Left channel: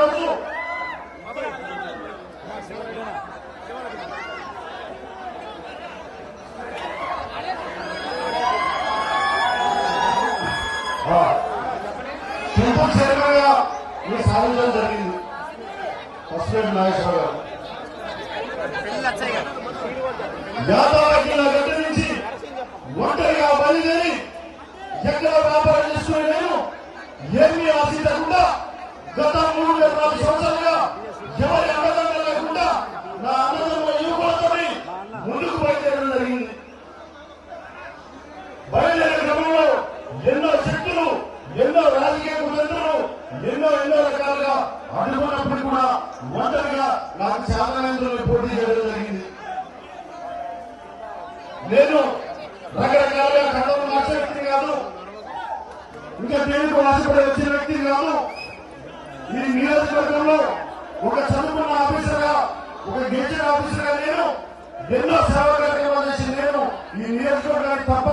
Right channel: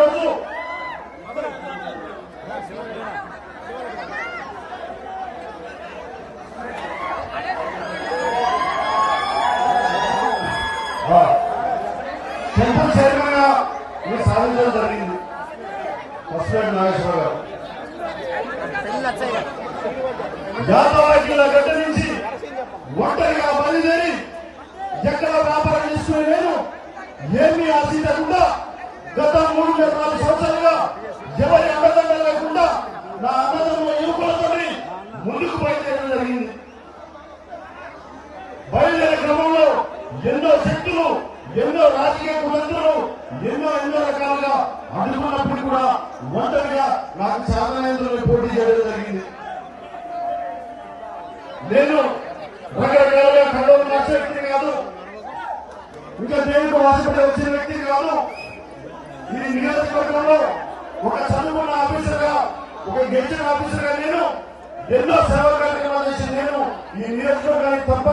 ఈరోజు temple chairman గా మీరు సాధించడం జరిగింది. ఫస్ట్ నాగేశ్వర గారు యాదవాకిల గడ్డ నుంచి ఒంటరిగా బయలుదేరి ఎక్కడ వ్యాపారం చేసుకునే నేను ఏమీ ఆశించకుండా గత 3-4 సంవత్సరాలుగా ఎవరి అండదండ లేకుండా నా అన్నదమ్ముల యువకులతో ముందుకు బయలుదేరడం జరిగింది. బయలుదేరే క్రమంలో ఎన్నో శక్తులు, ఎన్నో రాజకీయ కులందరూ ఎన్నో రకాలుగా అనుకున్నప్పుడు కూడా ఒంటరిగా నాకు చాలా పోటీ చేయడం జరిగింది. నేను రకరకాలుగా కడవలు మార్చే వ్యక్తిని కాదు, ఇంకా దేవుడికి వాసపడి వచ్చిన వ్యక్తిని కాదు. ఈ నియోజకవర్గంలో ఒక చదువుకున్న ఆఫీసర్ గా, ఒక గెలిచిన ఆఫీసర్ గా నేను ఎన్నో సేవా కార్యక్రమాలు చేసి నేను ఈ నియోజకవర్గానికి తప్ప